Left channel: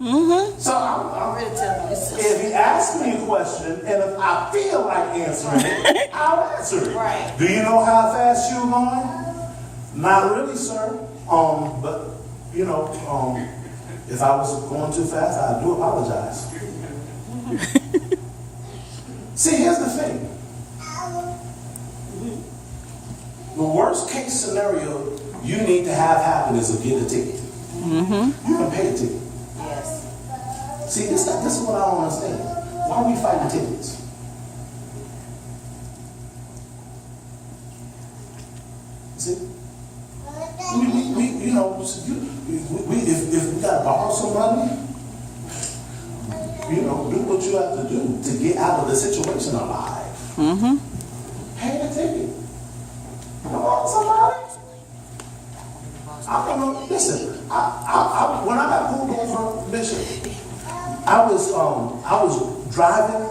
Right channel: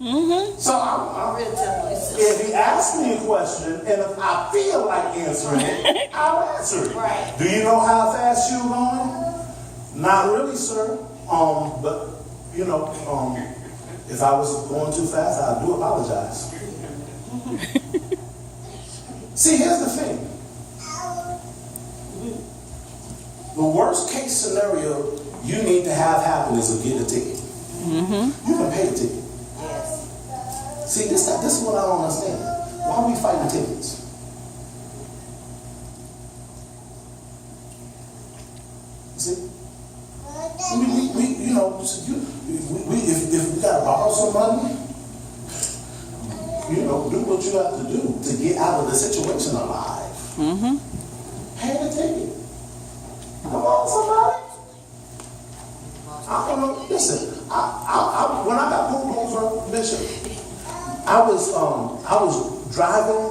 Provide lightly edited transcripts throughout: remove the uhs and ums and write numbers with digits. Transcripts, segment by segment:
Mm-hmm. So if he asks me a question, and if I feel like answering it, I'll answer it. Right. Do you know how fast you're going? Not really, sir. But you know, if I was going too fast, I do apologize. See, here's the thing. The worst case scenario you need to have happen is to get a ticket. Mm-hmm. You can pay a ticket. Yes. See, this is what I don't understand. Why are we fighting tickets? See? We you know, if we gotta borrow some money, you know, do what you have to do to get out of the situation alive. Mm-hmm. Pay the ticket. Come on, somebody. I don't know. Listen, when I got pulled over, Bishop, I was driving,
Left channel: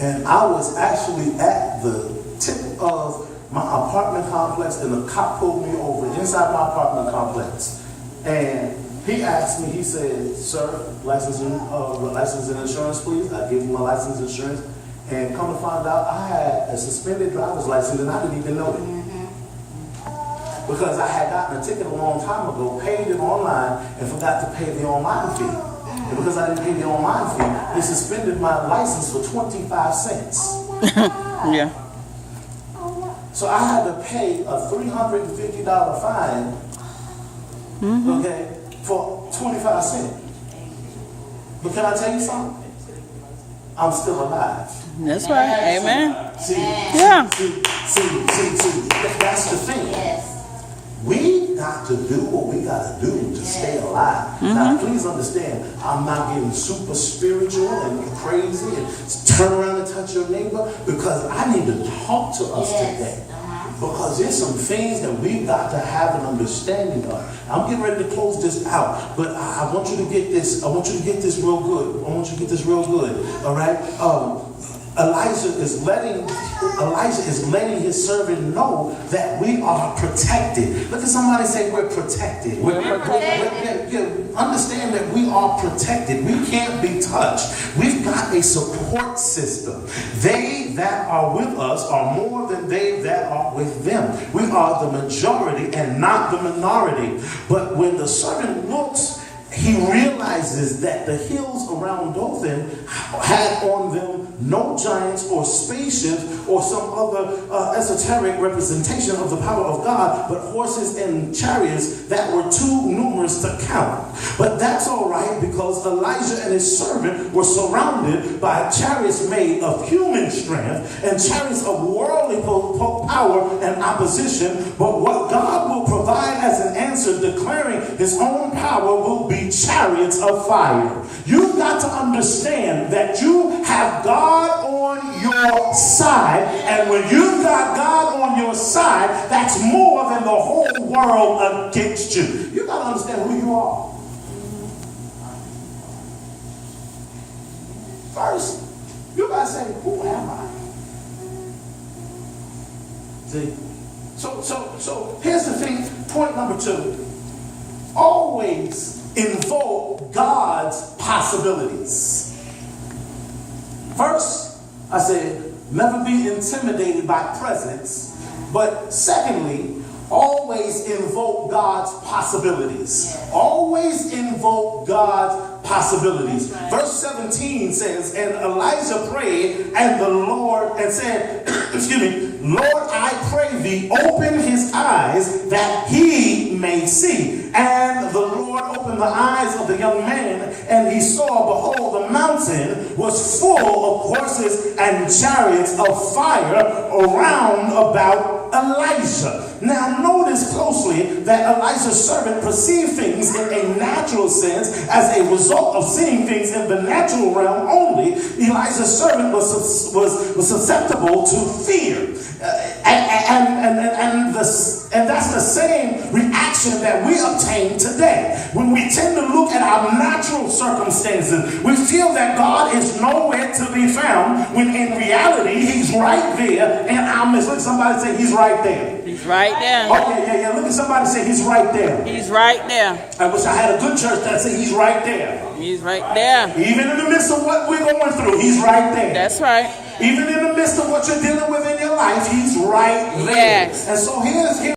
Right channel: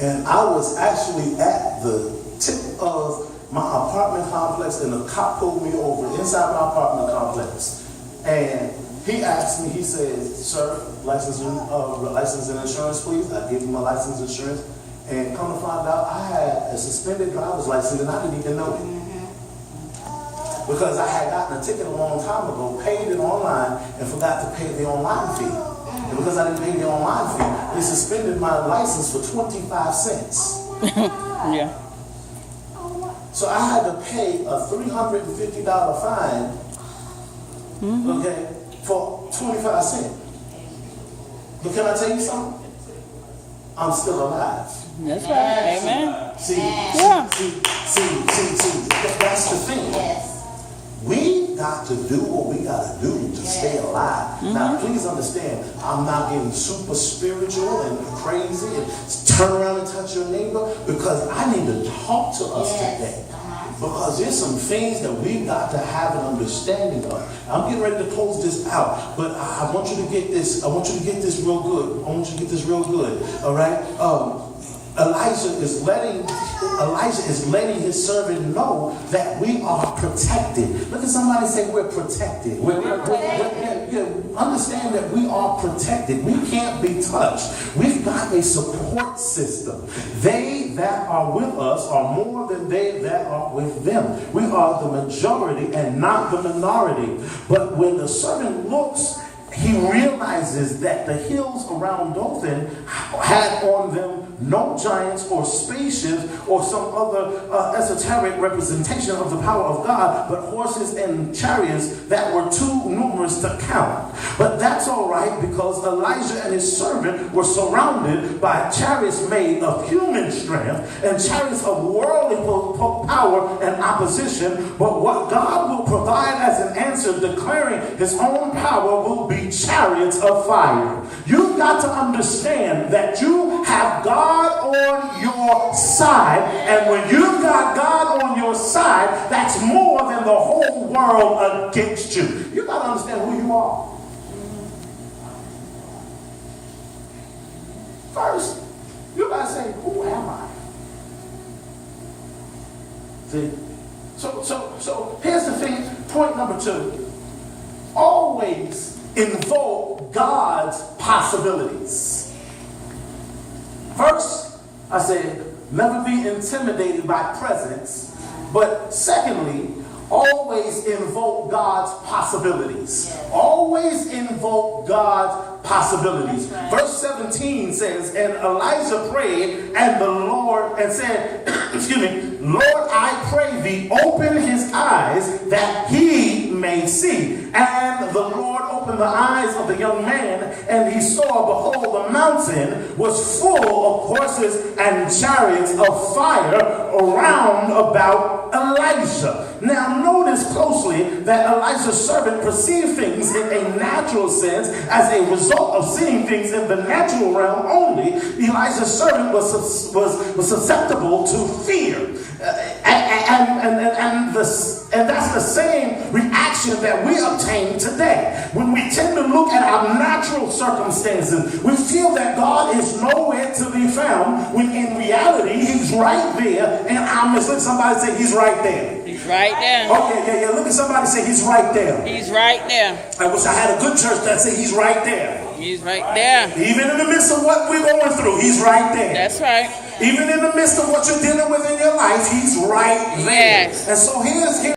and I was actually at the tip of my apartment complex, and the cop pulled me over inside my apartment complex. And he asked me, he said, "Sir, license and insurance, please." I gave him my license and insurance, and come to find out, I had a suspended driver's license, and I didn't even know it. Because I had gotten a ticket a long time ago, paid it online, and forgot to pay the online fee. And because I didn't pay the online fee, they suspended my license for 25 cents. Yeah. So I had to pay a $350 fine, okay, for 25 cents. But can I tell you something? I'm still alive. That's right. Amen. See, Yeah. see, that's the thing. Yes. We got to do what we got to do to stay alive. Now, please understand, I'm not getting super spiritual and crazy and turn around and touch your neighbor, because I need to talk to us today. Because there's some things that we've got to have an understanding of. I'm getting ready to close this out, but I want you to get this. I want you to get this real good. I want you to get this real good. All right. Elijah is letting his servant know that we are protected. Look at somebody say, we're protected. We're understand that we are protected. We can't be touched. We've got a support system. They that are with us are more than they that are with them. We are the majority and not the minority. But when the servant looks, he realizes that the hills around Dothan had on them no giants or spaceships or some other esoteric representation of the power of God, but horses and chariots that were too numerous to count. But that's all right, because Elijah and his servant were surrounded by chariots made of human strength and chariots of worldly power and opposition. But what God will provide as an answer, declaring his own power, will be chariots of fire. You've got to understand that you have God on your side, and when you've got God on your side, that's more than the whole world against you. You've got to understand who you are. First, you got to say, who am I? See? So here's the thing. Point number 2. Always invoke God's possibilities. First, I said, never be intimidated by presence. But secondly, always invoke God's possibilities. Yes. Always invoke God's possibilities. Right. Verse 17 says, and Elijah prayed and the Lord and said, excuse me, Lord, I pray thee, open his eyes that he may see. And the Lord opened the eyes of the young man, and he saw, behold, the mountain was full of horses and chariots of fire around about Elijah. Now notice closely that Elijah's servant perceived things in a natural sense as a result of seeing things in the natural realm only. Elijah's servant was susceptible to fear. And that's the same reaction that we obtain today. When we tend to look at our natural circumstances, we feel that God is nowhere to be found, when in reality, he's right there. And I'm just look at somebody say, he's right there. He's right there. Okay, yeah. Look at somebody say, he's right there. He's right there. I wish I had a good church that say he's right there. He's right there. Even in the midst of what we're going through, he's right there. That's right. Even in the midst of what you're dealing with in your life, he's right there. Yes. And so here's